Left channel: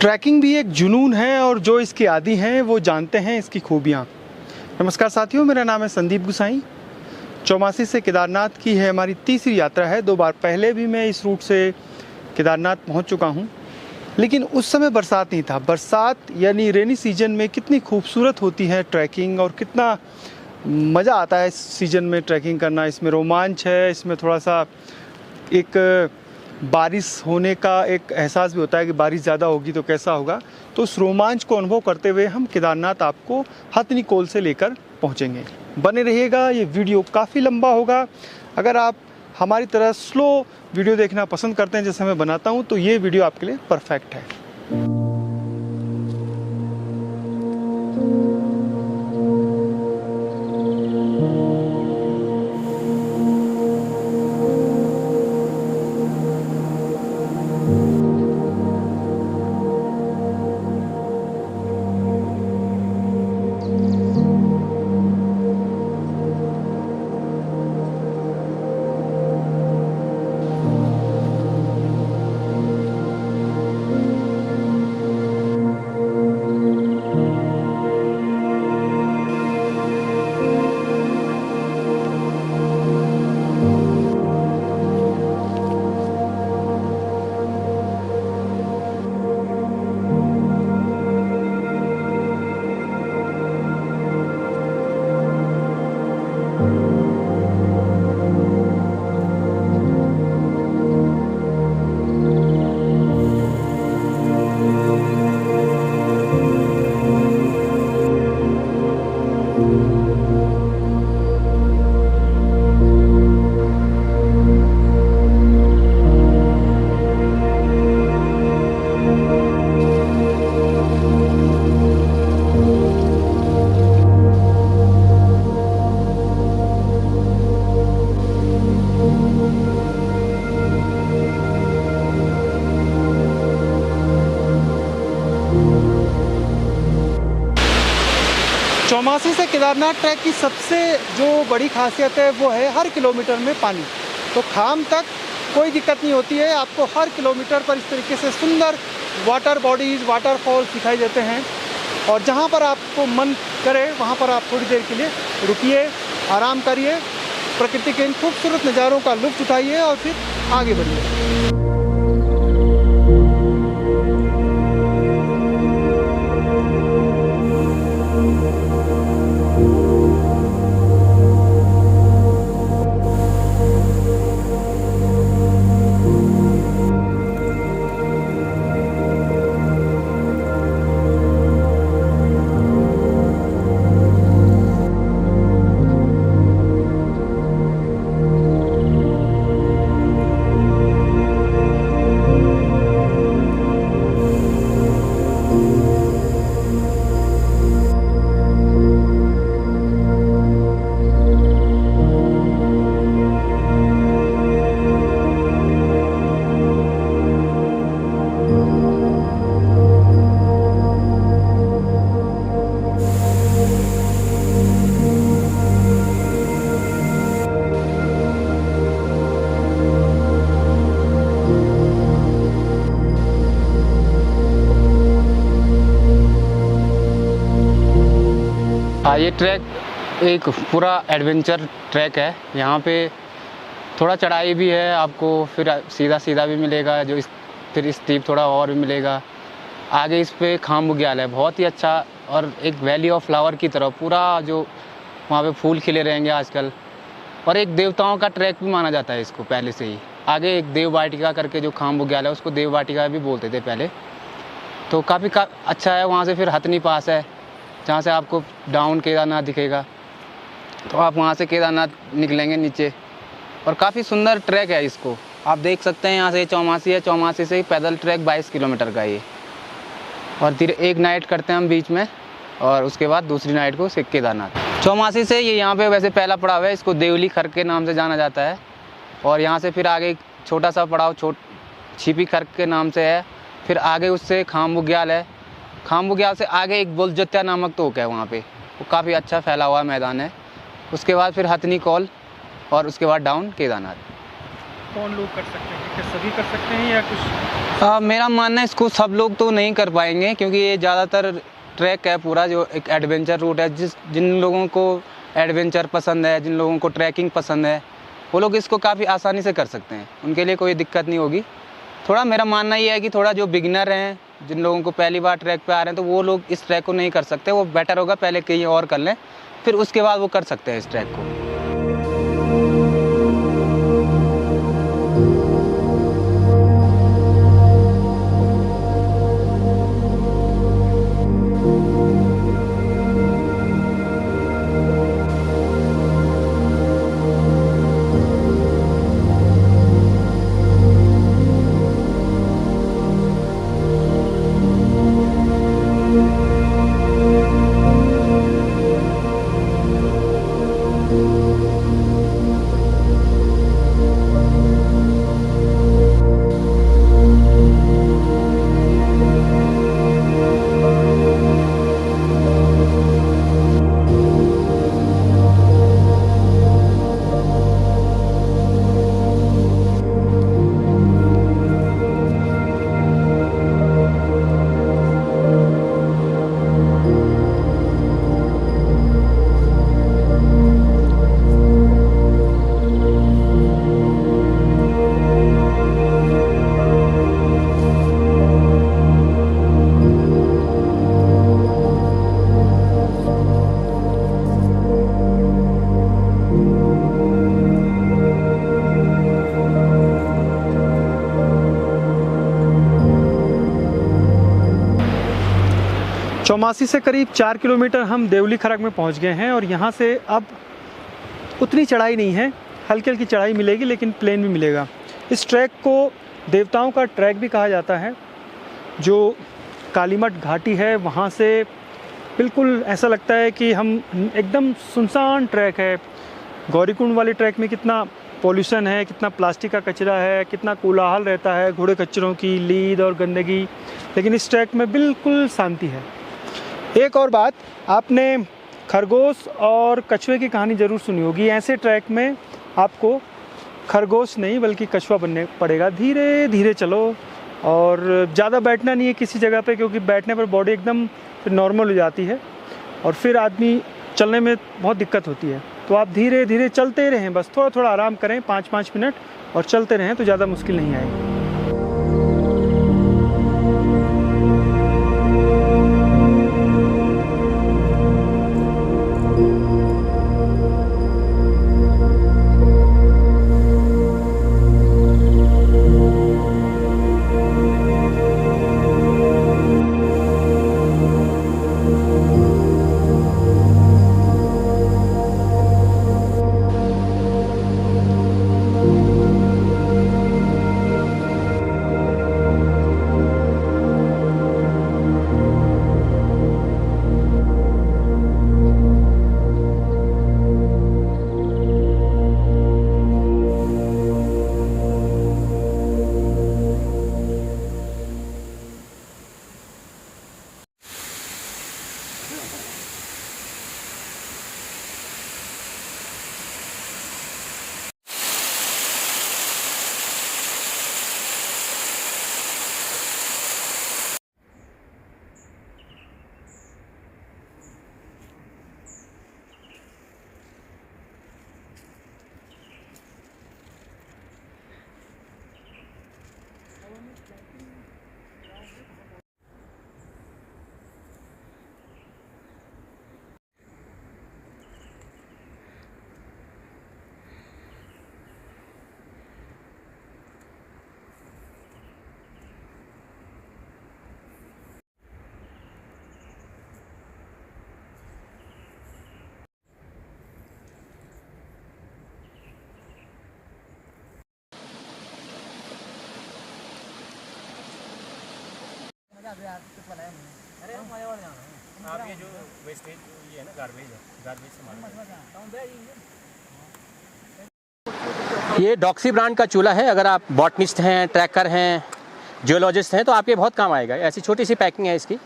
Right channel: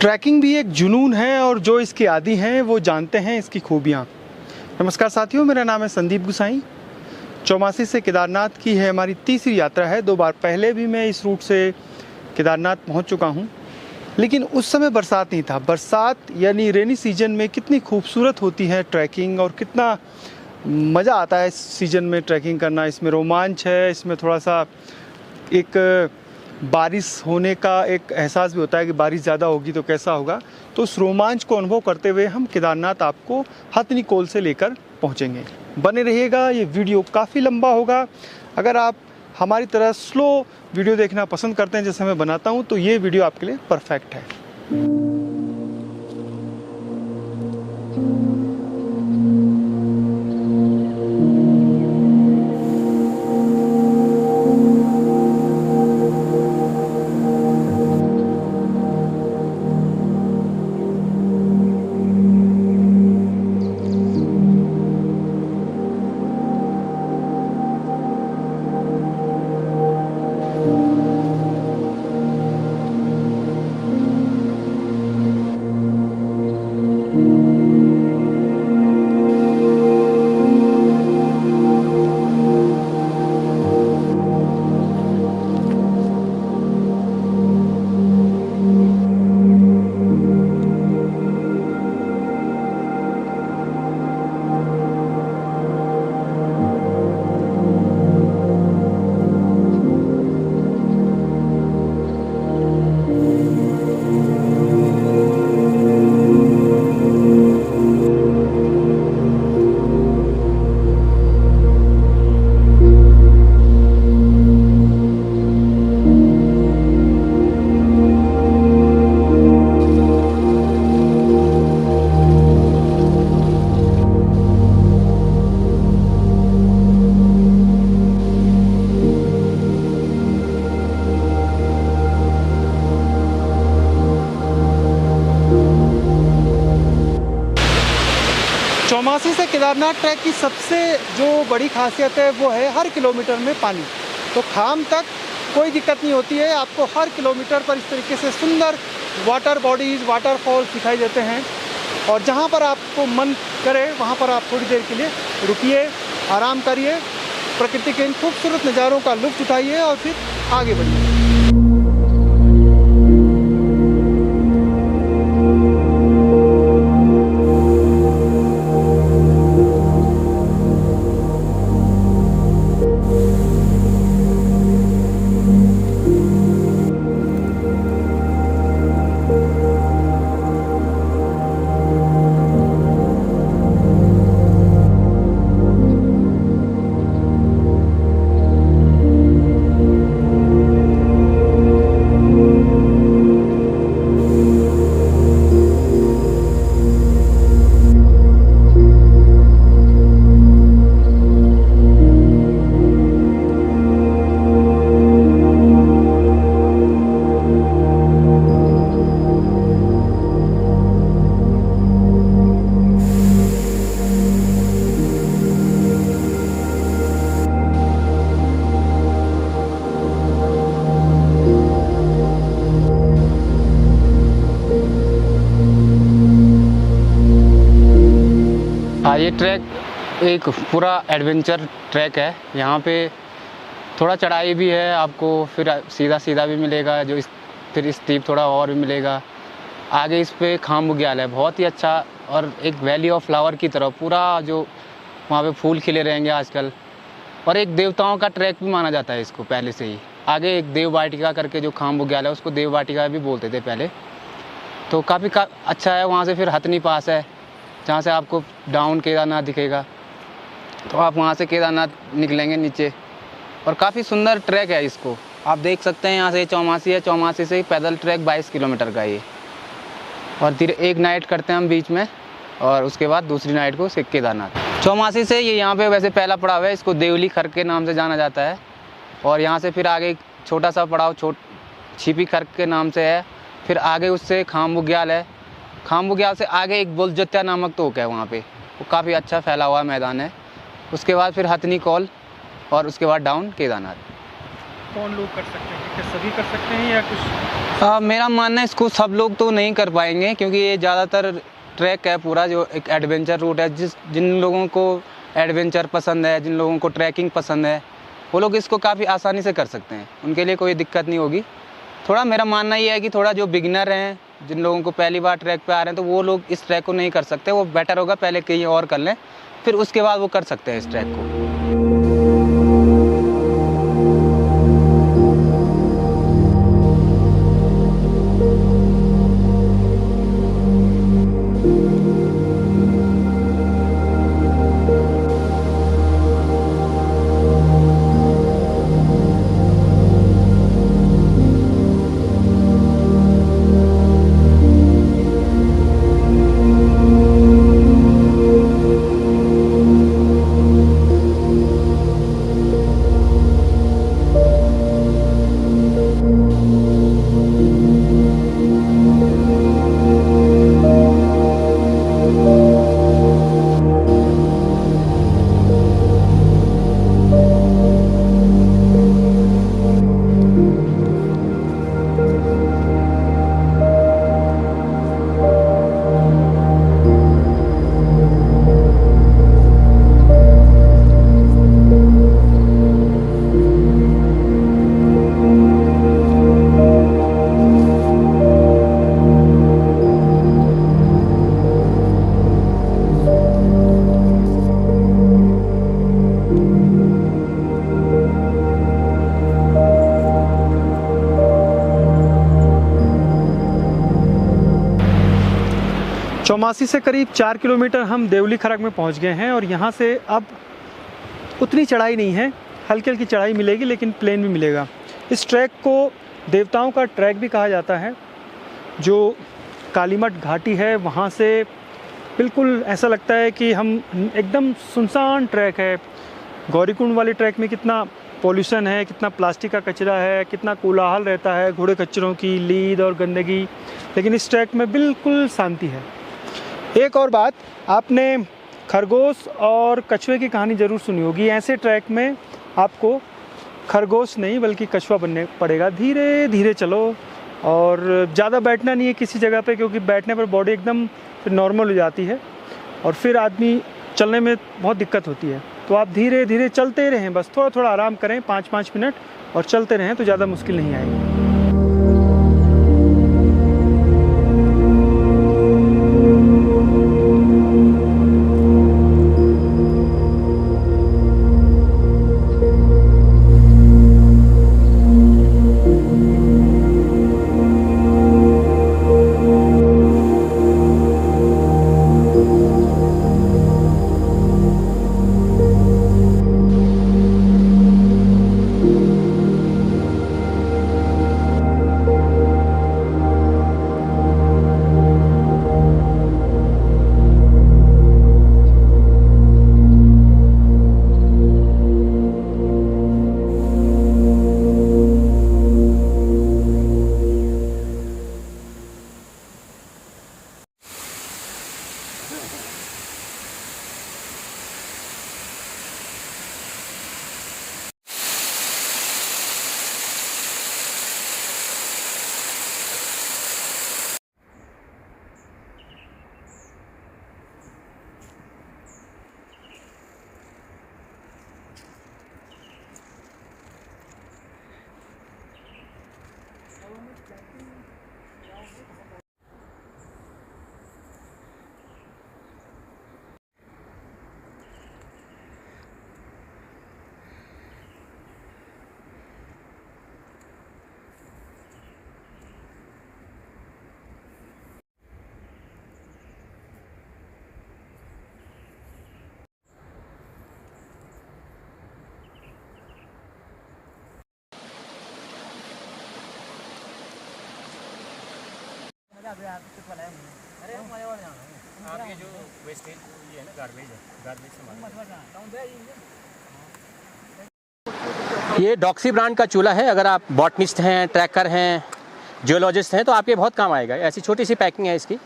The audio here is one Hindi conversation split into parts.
ट्रैकिंग भी एक जुनून है और जो इसके आदी हैं वो जानते हैं इसकी खूबियाँ। नमस्कार साथियों, मेरा नाम है संदीप गुसाई। चौमासी से केदारनाथ की है हमारी तीसरी यात्रा है। 2 बार पहले भी मैं इस रूट से केदारनाथ पहुंच चुका हूं, लेकिन उस समय बरसात नहीं था। बरसात यानी रेनी सीजन में कितनी खूबसूरत होती है ट्रैकिंग और कितना मज़ा आता है इस सीज़न में ट्रैकिंग करना। इसमें रोमांच है, इसमें थोड़ा सा एक बारिश होने का एक एहसास भी होता है कि बारिश ज़्यादा होगी तो कैसा होगा। तो उस रोमांच को अनुभव करते हुए हम केदारनाथ आपको हथनीकोल से लेकर पहुंचेंगे। बने रहिएगा, ये वीडियो काफ़ी लंबा होगा। अगर आप हमारी तरह स्लो वीडियो देखना पसंद करते हैं जैसे मैं बनाता हूं, तो ये वीडियो आपके लिए परफेक्ट है। चौमासी से केदारनाथ ट्रैक की सबसे जो बड़ी खासियत है वो है हर किलोमीटर में पानी। तो खाम तक कोई दिक्कत नहीं होती है। आपको हर किलोमीटर पर इस तरीके से सुंदर वाटर बॉडीज़, वाटरफॉल्स दिखाई देते हैं। और जहाँ पर आपको मन करे वहाँ पर आप थोड़ी देर के लिए रुकिए, आराम करिए, प्रकृति के इन खूबसूरत नज़ारों का लुत्फ़ उठाइए और फिर आगे बढ़िए। ये ट्रैक एक पूरा एडवेंचर ट्रैक है। यहाँ पे थोड़ा चढ़ाई भी है आपको, फिर सीधा सीधा भी मिलेगा, फिर स्टीप थोड़ा और भी मिलेगा। आगे इस पे खाम बुग्याल है, बहुत ही अच्छा, और एक वैली ऑफ फ्लावर की तरह पूरा जो वहाँ पे फूल खिले रहेंगे आजकल। और एक देवताओं का ट्रैक भी माना जाता है इसको पहले से ही। आगे एक देव वाटिका करके जो खाम बुग्याल है उसको देव वाटिका भी बोलते थे पहले। तो काफ़ी अच्छा है। वहाँ से फिर हथनी पास है जहाँ से आपको डाउन केदारनाथ दिखेगा। तो आप वहाँ से केदारनाथ निकलेंगे नीचे, और काफ़ी सुंदर ट्रैक है। इसको आप देख सकते हैं, यहाँ से चौमासी है, चौमासी से पैदल ट्रैक 22 किलोमीटर का ये। और फिर एक नाइट करते हैं हम बीच में, और उसके बाद दूसरी नाइट को केदारनाथ। चौमासी से ये यहाँ पे वैसे पहला पड़ाव है, इसको देवली खर्क के नाम से जाना जाता है। और यहाँ से फिर आगे छोटा सा पड़ाव छिपी खर्क के नाम से है। फिर आगे उससे खाम बुग्याल है। खाम बुग्याल से आगे एक बुलजत्या नामक तोक है, वहाँ पे वो काफ़ी अच्छा फैला हुआ मैदान है। उसके बाद फिर हथनीकोल और उसके बाद डाउन केदारनाथ। कौन लोग कर सकते हैं? क्या सभी कर सकते हैं या कुछ? मेरा मानना है इसको सब लोग तो नहीं कर पाएंगे, क्योंकि ये ज़्यादातर ट्रैक है पूरा जो एक एडवेंचर रूट है। जिन लोगों को एडवेंचर पसंद है, जिन लोगों को ट्रैकिंग पसंद है, वो लोग इसको काफ़ी आसानी से कर सकते हैं, उनके लिए कोई दिक्कत नहीं होगी। थोड़ा मेरा मानना ये है कि थोड़ा जो बिगिनर हैं, जिन लोगों को पहली बार ट्रैक पे आ रहे हैं, तो वो लोग इस ट्रैक को नहीं कर सकते। वो बेटर होगा पहले कहीं और कर लें, फिर उसके बाद वो कर सकते हैं इस ट्रैक को। चौमासी से करीब 4 किलोमीटर हम देवली खरक में पहुंच गए हैं और यहाँ से अब उतनी चढ़ाई नहीं है, हल्की हल्की चढ़ाई मिलेगी लेकिन प्लेन भी मिलेगा। इस ट्रैक को देवताओं का ट्रैक भी कहा जाता है। जो कालीमठ घाटी है वहाँ से बिल्कुल ऐसा लगता है कि हम एकदम सुनसान ट्रैक है। गौरीकुंड वाले ट्रैक में कितना पॉल्यूशन है, कितना प्लास्टिक का कचरा है, कितना कोलाहल रहता है, घोड़े खच्चरों की लीद और गंदगी, लेकिन इस ट्रैक में बिल्कुल शांति है। एक और बात, आपने खरगोश और कछुए की कहानी ज़रूर सुनी होगी। ऐसे ट्रैक में आपको खरगोश नहीं बल्कि कछुआ बनने पड़ेगा। धीरे धीरे चलो और ज़्यादा बैठना नहीं है किसी जगह पे, क्योंकि बैठने पर बॉडी एकदम फिर नॉर्मल हो जाती है और फिर आदमी चलने में बहुत दिक्कत होती है। तो आप धीरे धीरे चलते रहें, बस थोड़ा थोड़ा आराम करें, 5-5 मिनट और चलते रहें तो ज़्यादा मुश्किल नहीं आएगी। आप ये जो वेस्टेज ये है ना गार्बेज है, गार्बेज से ये डॉक्सी ब्रांड का चूल्हा है। अगर आप बॉटनिस्ट हैं, ट्रैकर हैं, जियोलॉजिस्ट हैं तो आपके बहुत काम आएगा। ऐसी छोटी सी पैकिंग है इसकी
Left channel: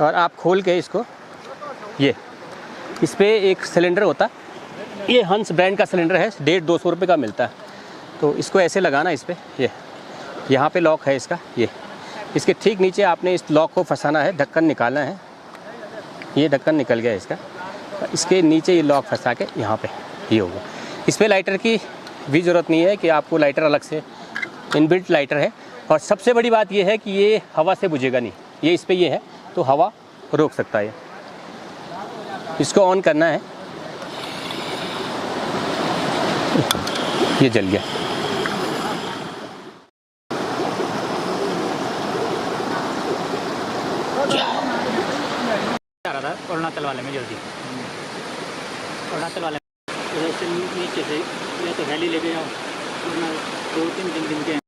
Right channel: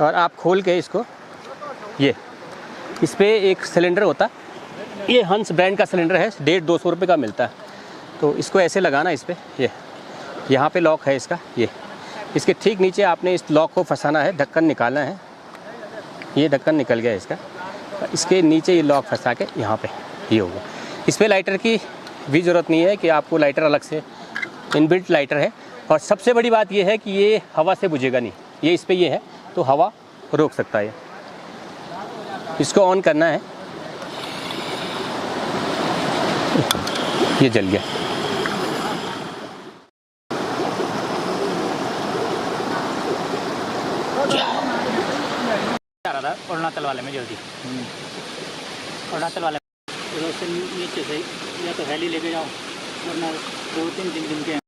और आप खोल के इसको, ये इस पर एक सिलेंडर होता है, ये हंस ब्रांड का सिलेंडर है, 150-200 रुपये का मिलता है। तो इसको ऐसे लगाना इस पर, ये यहाँ पे लॉक है इसका, ये इसके ठीक नीचे आपने इस लॉक को फंसाना है, ढक्कन निकालना है। ये ढक्कन निकल गया इसका, इसके नीचे ये लॉक फंसा के यहाँ पे ये होगा। इस पर लाइटर की भी ज़रूरत नहीं है कि आपको लाइटर अलग से, इनबिल्ट लाइटर है। और सबसे बड़ी बात ये है कि ये हवा से बुझेगा नहीं, ये इस पर ये है तो हवा रोक सकता है। इसको ऑन करना है, ये जल गया। आ रहा था अरुणाचल वाले में जल्दी, अरुणाचल वाले उधर से नीचे से या तो वैली लेके जाओ, वरना 2-3 दिन के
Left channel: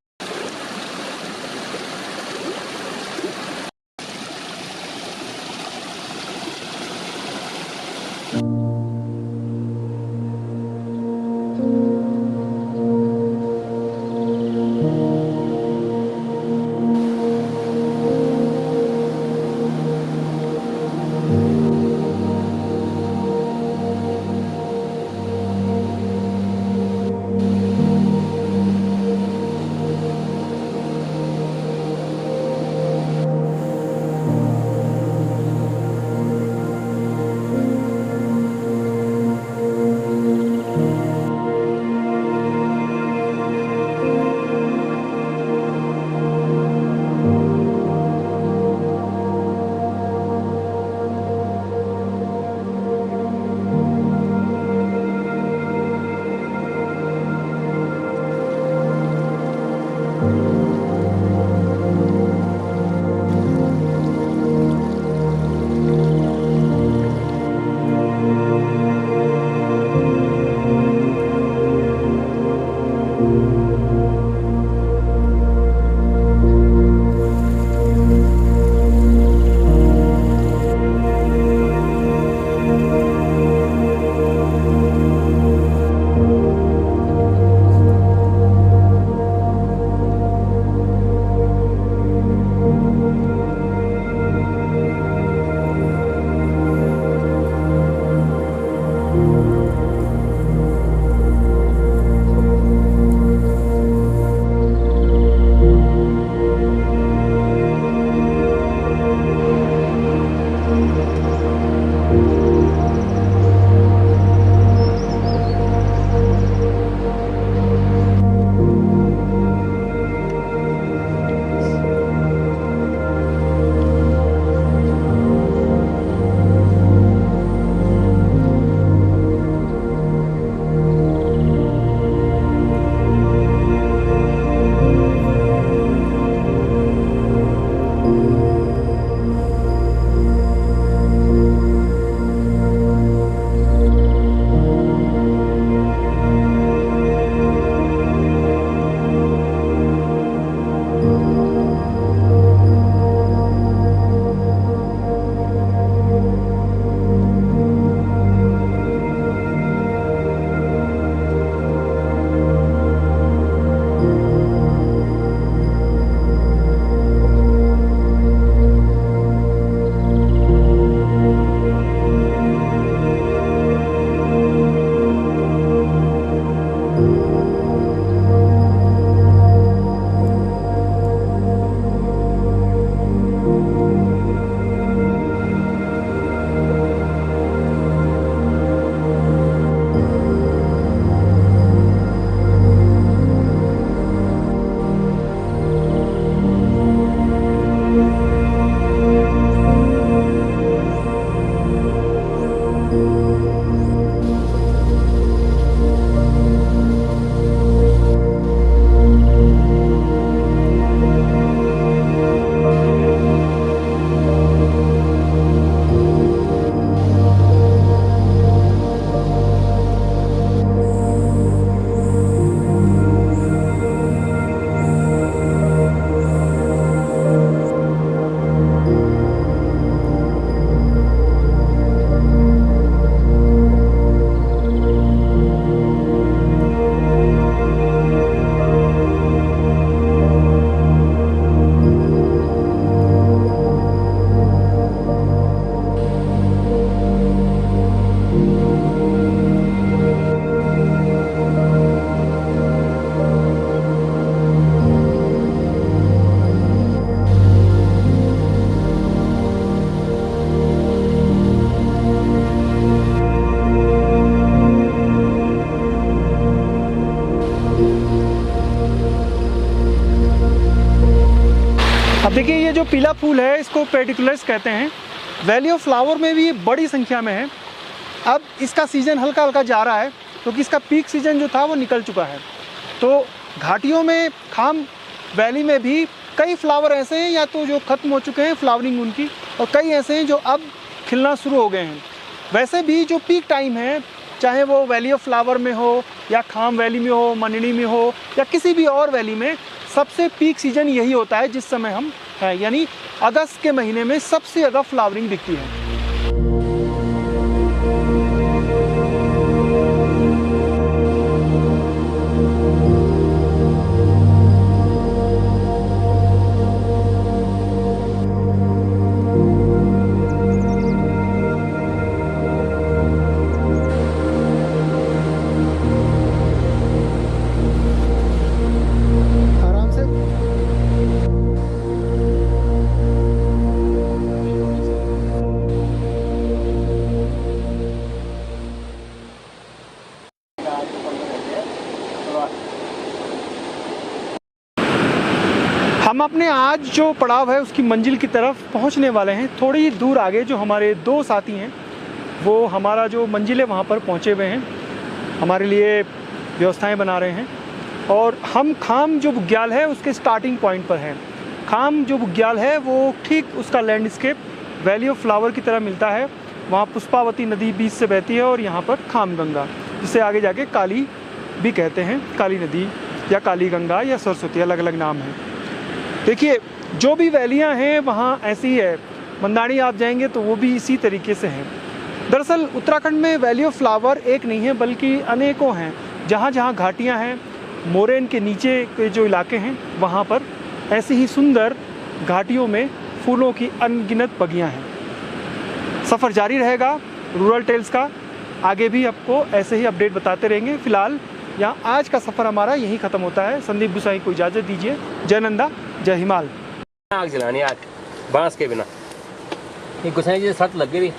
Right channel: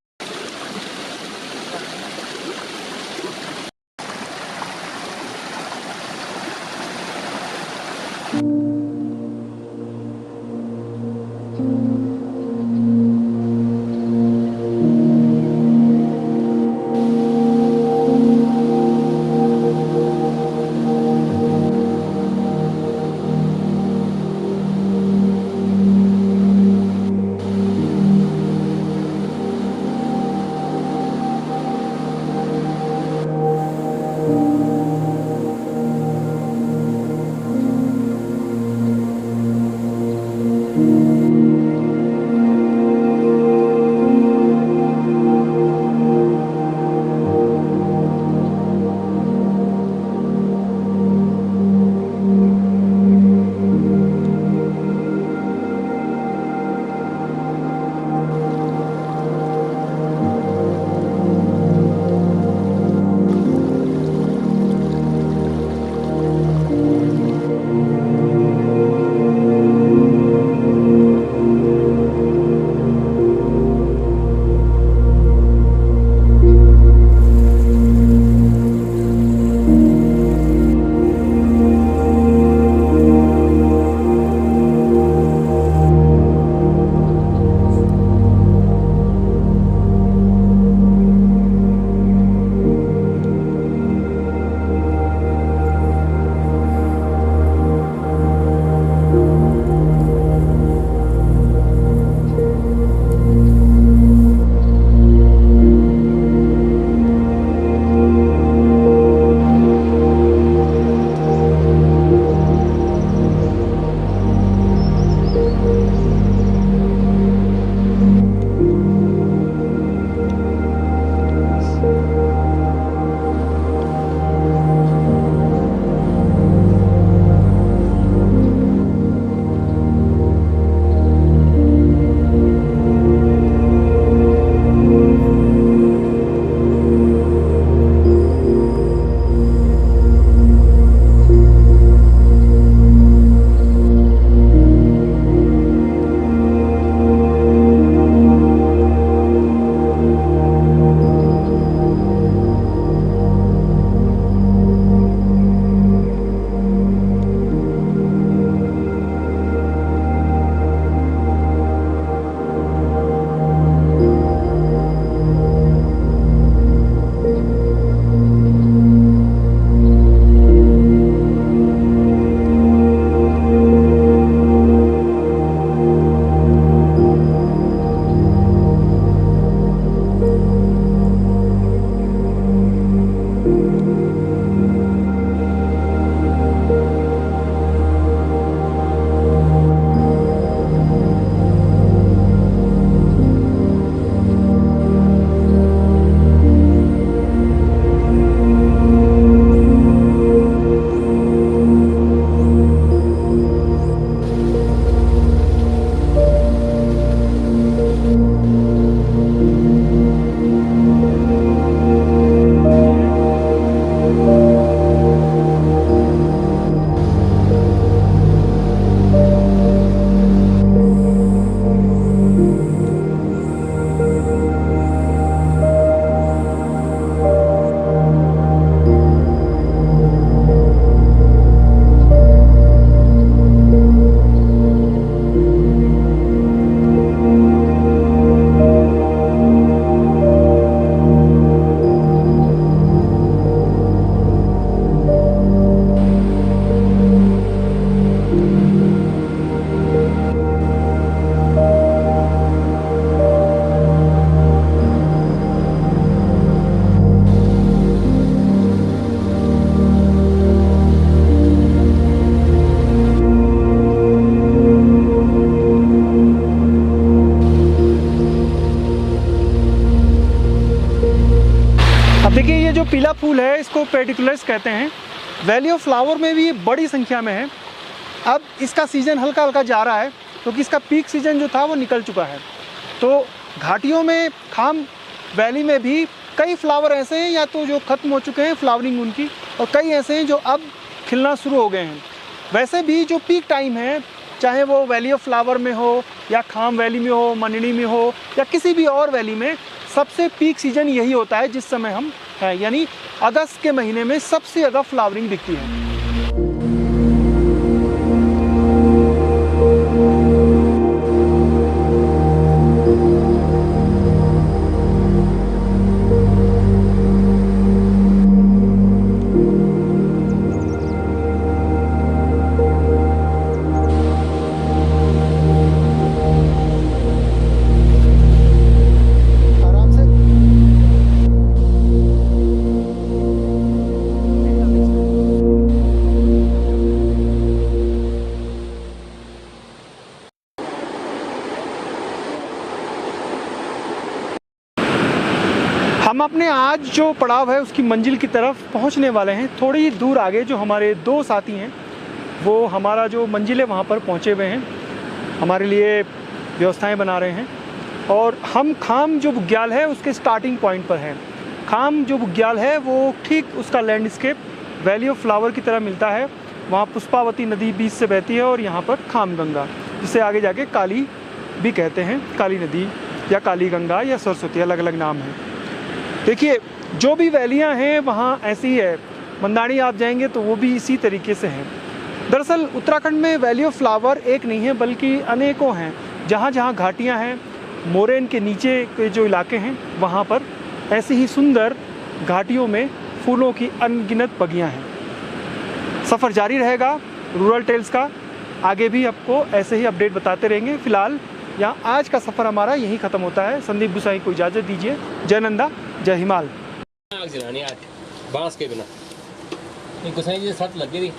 देखिए ये जो पीला फूल है इसको पेडिकुलस कहते हैं। वैली ऑफ फ्लावर में भी बड़ी संख्या में है। अब इसका सीज़न हल्का हल्का जा रहा है क्योंकि इसका पीक सीज़न जो था वो निकल चुका है। तो घाटियों में, खाम वैली में भी कई फ्लावर ऐसे हैं या तो जो ख़त्म हो चुके हैं फ्लावरिंग उनकी, और कई ऐसे हैं जो अब खिलना शुरू हो गए हैं। वैसे भी जो पीक टाइम है, चाहे वो वैली ऑफ फ्लावर में हो या खाम वैली में हो, मननी में हो या किसी भी और वैली में, सबसे पीक सीज़न यही होता है जिस समय हम हैं, यानी अगस्त के महीने में सबसे ज़्यादा फ्लावरिंग दिखती है। आराम से हम अपने आज जो पड़ाव है उसकी मंजिल की तरफ पहुंचने वाले हैं। थोड़ी ही दूर आगे जो हमारे दो साथी हैं वो हमारा जो मंजिल है वहाँ पर पहुँचे हुए हैं, हमारे लिए व्यवस्थाएं बना रहे हैं। और हम खाम जो बुग्याल है उसके स्टार्टिंग पॉइंट पर हैं। खाम जो बुग्याल है वो ठीक उसका लैंडस्केप वैली ऑफ फ्लावर की तरह मिलता है। वहाँ पुष्पावती नदी बीच से बहती है और यहाँ पर खाम गंगा, जिसे आगे जाके काली भी कहते हैं, काली नदी या काली गंगा या सरस्वती, अलग अलग नाम है। देखिए जो भी वैलियाँ हैं वहाँ ऐसी है। मंदानी आप जाएंगे तो वो भी इसी तरीके से हैं। दरअसल उत्तराखंड में वैली ऑफ फ्लावर एक नहीं है बल्कि अनेकों हैं। जहाँ जहाँ घाटियाँ हैं, मोरेन के नीचे के जो इलाके हैं वहाँ पर ऐसी ही सुंदर घाटियों में फूलों की अनगिनत बगियाँ हैं। सफ़र जारी रहेगा रूरल टेल्स का, आगे भी आपको ऐसे ही अपडेट बताते रहेंगे। फ़िलहाल यहाँ आज का सफ़र हमारा यहीं ख़त्म होता है। संदीप गुसाई को इजाज़त दीजिए। जय नंदा, जय हिमाल। आग जलानी आज बांस के बिना, ये गुसाई जी शर्त लग गई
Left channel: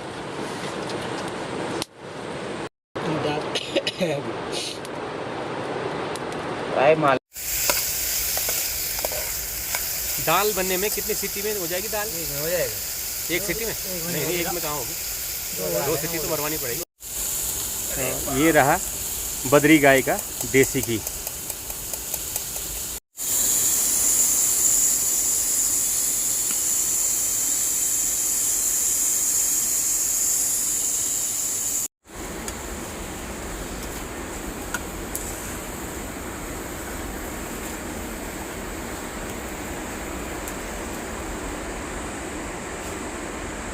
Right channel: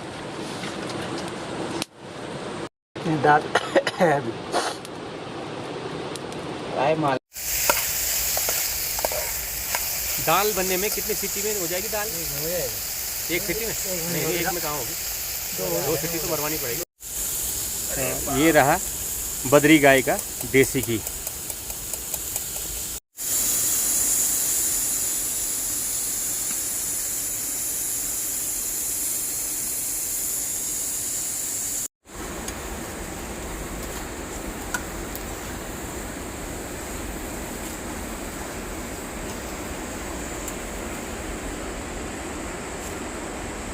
माल। दाल बनने में कितनी सीटी में हो जाएगी दाल? हो जाएगा एक सीटी में? नहीं, एक में कहाँ होगी, दो सीटी तो मरवानी पड़ेगी। ये रहा बद्री गाय का देसी घी।